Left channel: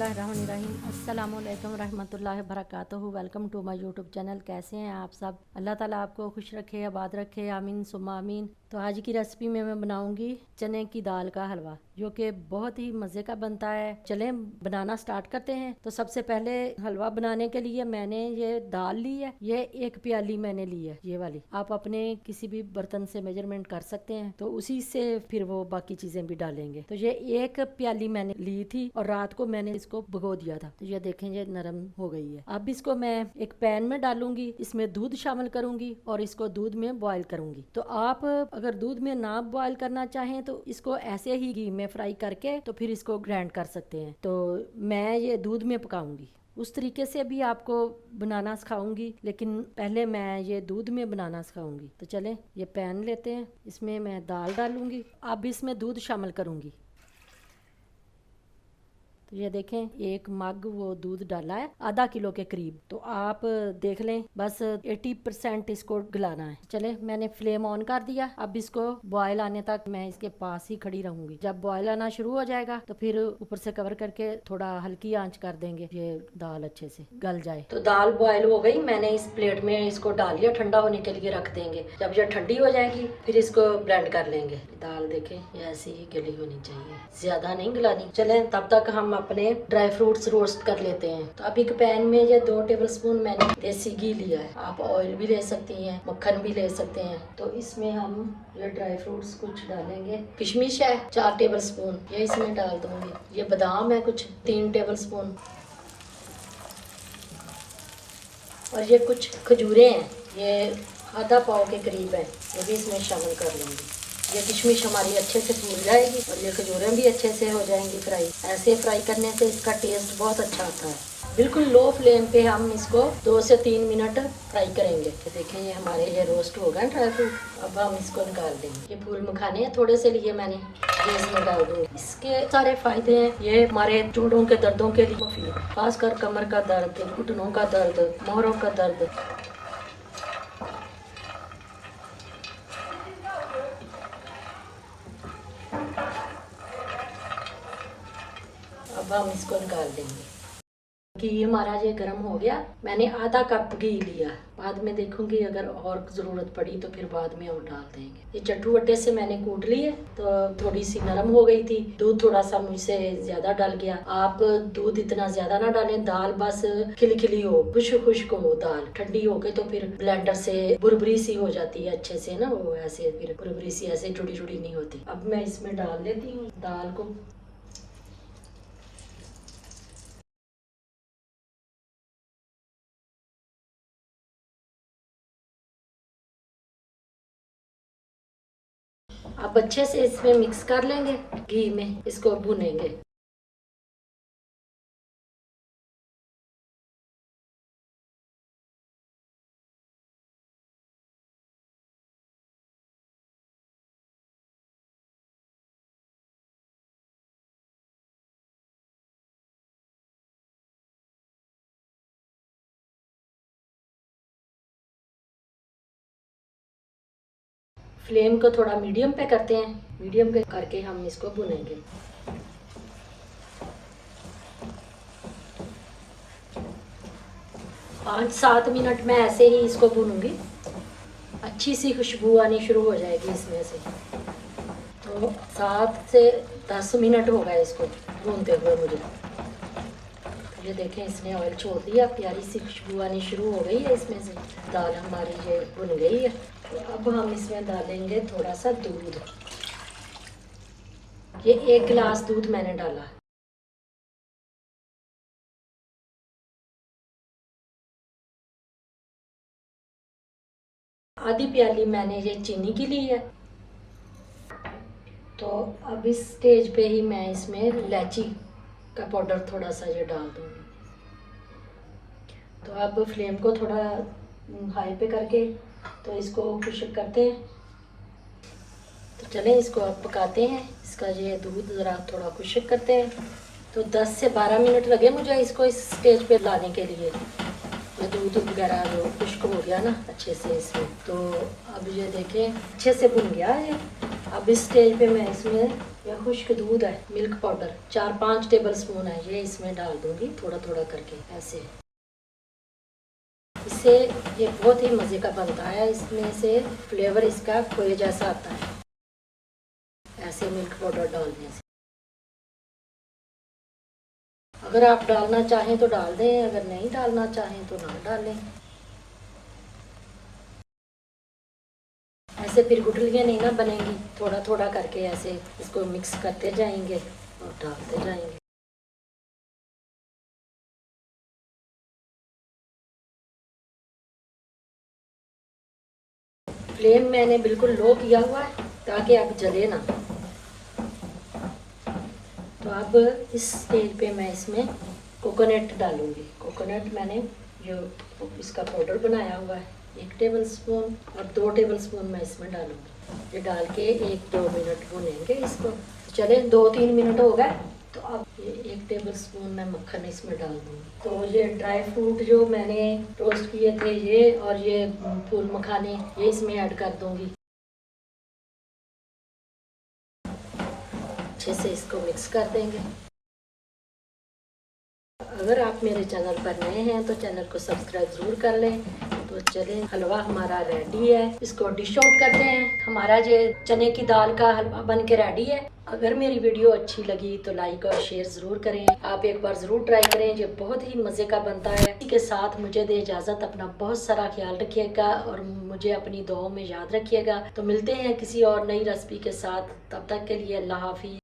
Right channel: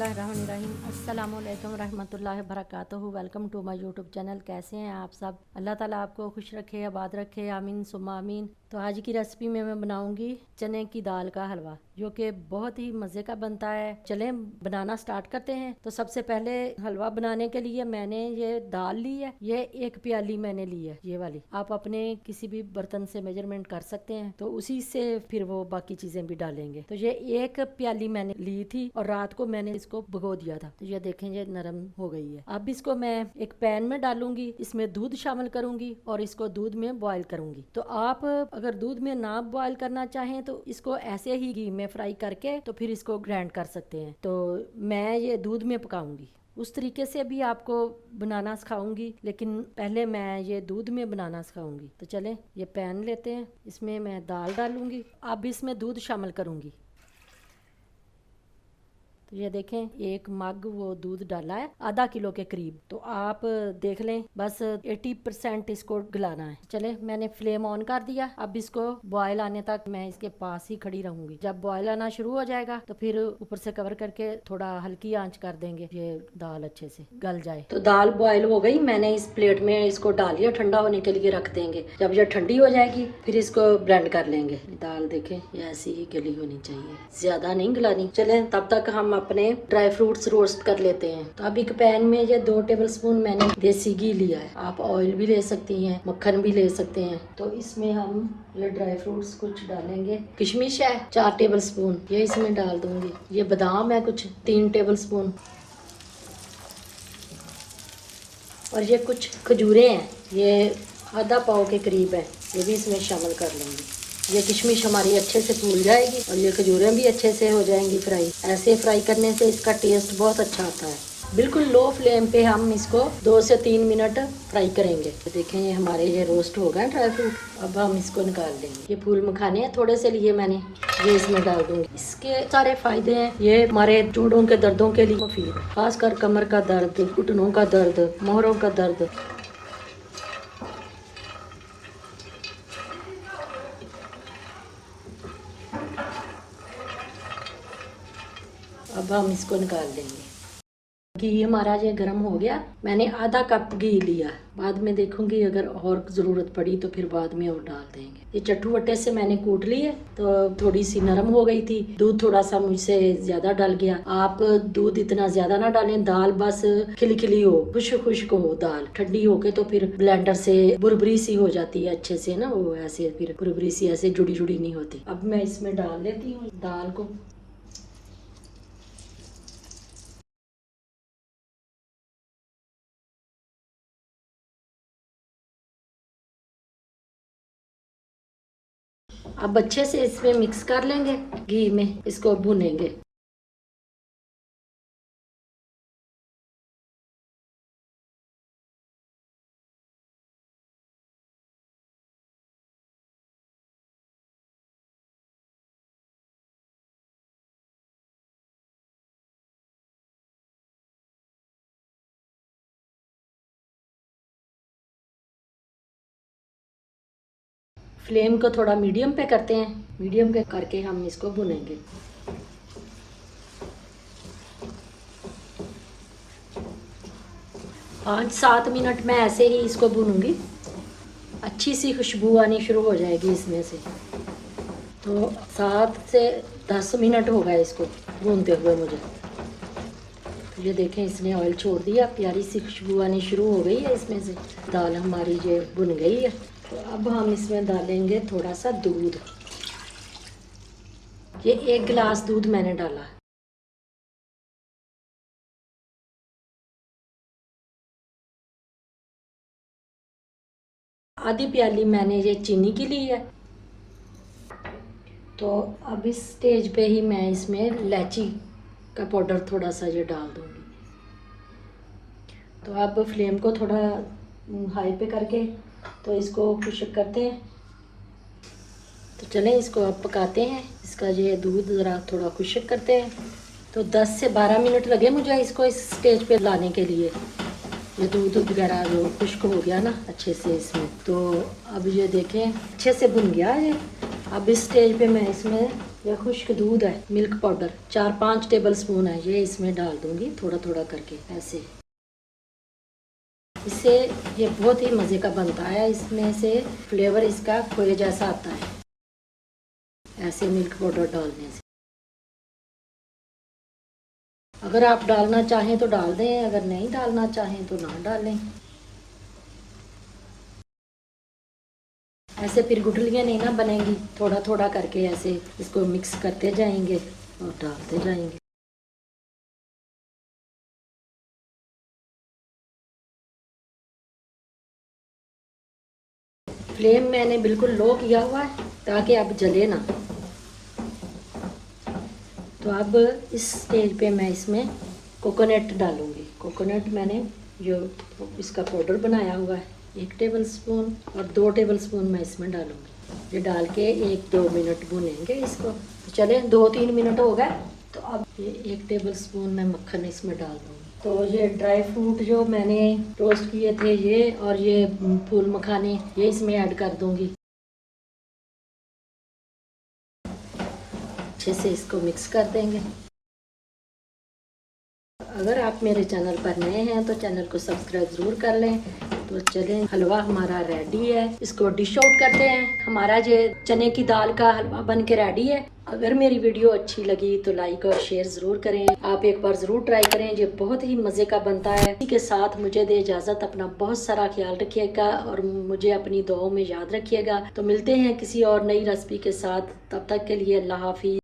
बिस्मिल्लाहिर्रहमानिर्रहीम। अस्सलाम वालेकुम रहमतुल्लाहि बरकातुहू। Welcome to my YouTube channel. कैसे हैं आप सब? अल्लाह ताला आपको खुश रखे, आबाद रखे, आमीन सुम्मा आमीन। तो आज की रेसिपी में मैं बनाऊंगी चने की दाल का हलवा, जो कि बहुत ही मज़े का बनता है। चलें बनाना स्टार्ट करते हैं। तो सबसे पहले हलवा बनाने के लिए मैंने ये दाल ली है, ये 1 प्याली मैंने ली है, ये वाली। आप अपने किसी भी बर्तन से मेजरमेंट कर सकते हैं, तो उसी से फिर वो बाकी चीज़ें भी डालेंगे। तो ये 1 प्याली मैंने ली थी और रात को मैंने इसको भिगो दिया था। तो ये देखें, ये नरम हो गई है। अब इसको मैं एक पैन में डालूंगी, इसमें दूध शामिल करूंगी और इसको दूध में बॉईल करूंगी। तो आप अगर दूध में ना बॉईल करना चाहें तो इसको ऐसे ही घी में फ्राई करके तो फिर इसको ग्राइंड कर सकते हैं। तो मैं ये दूध में पकाऊंगी, उस तरीके से भी आपको बनाना सिखाऊंगी, लेकिन पहले मैं ये दूध में बनाना सिखाऊंगी। तो चलें, ये पैन लेते हैं, इसमें मैं दाल डालूंगी। अब इसमें दूध शामिल करूंगी। तो ये देखें, 1 मग वो दूध डाला है, आधा किलो के करीब। तो आप देख लें, बस 80% इसको गलाना है। चले, मैंने फ्लेम ऑन कर दिया। अब इसको बॉयल आने तक मैं इसके पास ही खड़ी रहूंगी। जब बॉयल आना शुरू हो जाएगा तो फिर ऊपर से कवर करके थोड़ा हल्की आंच कर देंगे, ये दाल अच्छे से गल जाए। तो दाल बॉयल हो गई, मैंने इस प्लेट में इसको डाल लिया, ठंडा होने के लिए रख देंगे। जब ये ठंडी हो जाएगी फिर इसको ब्लेंड कर लेंगे। दाल देखें, ये ऐसी ही गली होनी चाहिए, ज्यादा नहीं गलानी। चले, तब तक हम अपने ड्राई फ्रूट्स रोस्ट कर लेते हैं। तो अब एक पैन में ये 2 टेबलस्पून मैंने देसी घी लिया है। आप ऑयल भी ले सकती हैं, मक्खन भी ले सकते हैं। तो इसमें हम ये ड्राई फ्रूट्स कुछ डालेंगे। किशमिश है 4 टेबलस्पून, ये इसमें डाल दूंगी। ये बादाम है कुछ 3 टेबलस्पून, और ये कुछ खजूरें हैं, ये आधा पाव के करीब है, ये भी इसमें शामिल कर लेंगे। ये किशमिश हमारी अच्छे से फूल जाएगी और ये खजूरें भी अच्छे से हो जाएंगी फ्राई। ऐसे फ्राई करने से इसका टेस्ट बहुत अच्छा आता है। बिल्कुल लो फ्लेम पे हम इसको 2 से 3 मिनट फ्राई करेंगे। तो देखें, ये हमारे ये रोस्ट हो गए ड्राई फ्रूट। अब हम इसको निकाल देंगे। ये फूल मखाने हैं, थोड़े से लिए मैंने, ये इसमें डाल दूंगी। इसके सारे फायदे हैं, ये हमारे जोड़ों के दर्दों के लिए मुफीद है, खासकर कमर का दर्द, घुटनों का दर्द, मोहरों का दर्द। अब हम इसको निकाल देंगे। घी हमारा ये गर्म हो गया, मैंने आधा कप घी लिया। बाद में देखूंगी अगर और ज़रूरत पड़ी तो फिर बाद में और डाल देंगे। ये चट्टू वट्टे से मैंने कूट लिए, तो थोड़ी सी नरम हो गई थी। दूध थोड़ा सा मुझसे ज्यादा डल गया। आप दूध इतना ज्यादा ना डालें, दाल बस खिली खिली हो, खुश्क खुश्क हो दाल। ठंडी होके तो फिर ब्लेंडर से बुरबरी सी हो जाती है अच्छे से ना, वो ऐसे फिर बुरबरी सी ऐसे जुड़ी जुड़ी नहीं होती। अब मैं इसमें डाल देती हूँ दाल को। अब अच्छे से इसमें मिक्स कर लेंगे, घी में इसको भुनेंगे। फ्लेम को थोड़ा मीडियम पे करते हैं, मीडियम पे करके हम इसको भुनेंगे। 5-7 मिनट में ऐसे ही इसको भूनूंगी। अच्छी सी खुशबू आनी शुरू हो जाएगी इसमें से। तो 7 से 10 मिनट हो गए इसको भूनते हुए मुझे। ये देखें, इसने ऑयल छोड़ दिया, प्यारी सी खुशबू आनी शुरू हो गई है इसमें से। दाल हमारी ये भुन गई है। तो अब हम इसमें डालेंगे थोड़ा सा दूध। ये 1 गिलास दूध मैंने डाला। आधी प्याली मैंने ये चीनी की ली है। तो अब इस स्टेज पे ही मैं इसमें इलायची का पाउडर थोड़ा सा ये डाल दूंगी। तो अब फ्लेम को थोड़ा हाई पे करके तो इसको खुश्क करते हैं। तो चलें, इसको अब पकाते हैं। इसका ये दूध ज़रा थोड़ा खुश्क करते हैं। तो 10 से 12 मिनट लगे मुझे इसको इस स्टेज पे लाने के लिए। ये दूध वगैरह जो खुश्क हो गया ना अच्छे से इसमें, तो अब ये देखें अच्छे से भुन गया है। अब इस स्टेज पे मैं इसमें ये खुश्क दूध है, मिल्क पाउडर 4-5 टेबल स्पून है, ये इसमें डाल दूंगी थोड़ा थोड़ा करके ऐसे। इससे ये बहुत ही मज़े का बनता है, इसमें से फ्लेवर इसका खोए जैसा आता है ऐसे मिल्क पाउडर डालने से। अगर आप डालना चाहें तो डाल दें, अगर नहीं डालना चाहें तो ना डालें। ऐसे फिर गुठलियाँ नहीं ना बनेंगी, थोड़ा थोड़ा करके ऐसे इसको मिक्स करते जाएंगे और डालते जाएंगे। फ्लेम मैंने बिल्कुल लो किया हुआ है ताकि अब जले ना। तो अब इस स्टेज पे मैं इसमें कोकोनट डालूंगी। कोकोनट मैंने जो इसका पाउडर बनाया हुआ है 1 टेबल स्पून और 2 टेबल स्पून मैं इसमें डालूंगी। ये डाल के 1-2 मिनट भूनेंगे इसको। चले 2-3 मिनट हो गए, तो अब ये 1 टेबल स्पून मैं मक्खन इसमें डाल दूँगी। तो ये ड्राई फ्रूट जो मैंने रोस्ट किए थे ये, और ये फूल मखाने, ये इसमें ऐड कर दूँगी। अच्छे से इसको मिक्स कर देंगे। अगर आप मेरे चैनल पर नए हैं तो चैनल को सब्सक्राइब जरूर कर लें। तो चलें, हलवा हमारा रेडी है, इसको डिश आउट करते हैं। हमारा ये चने की दाल का हलवा बन के रेडी है। अगर मेरी वीडियो अच्छी लगी तो लाइक और शेयर जरूर करें। आप एक बार जरूर ट्राई करें, ये बहुत ही मज़े का बनता है। इसी के साथ मुझे दे इजाज़त, अपना बहुत सारा ख्याल रखिएगा और मुझे अपनी दुआओं में याद रखिएगा। तो मिलते हैं किसी और नई रेसिपी के साथ, तब तक के लिए अल्लाह हाफिज़।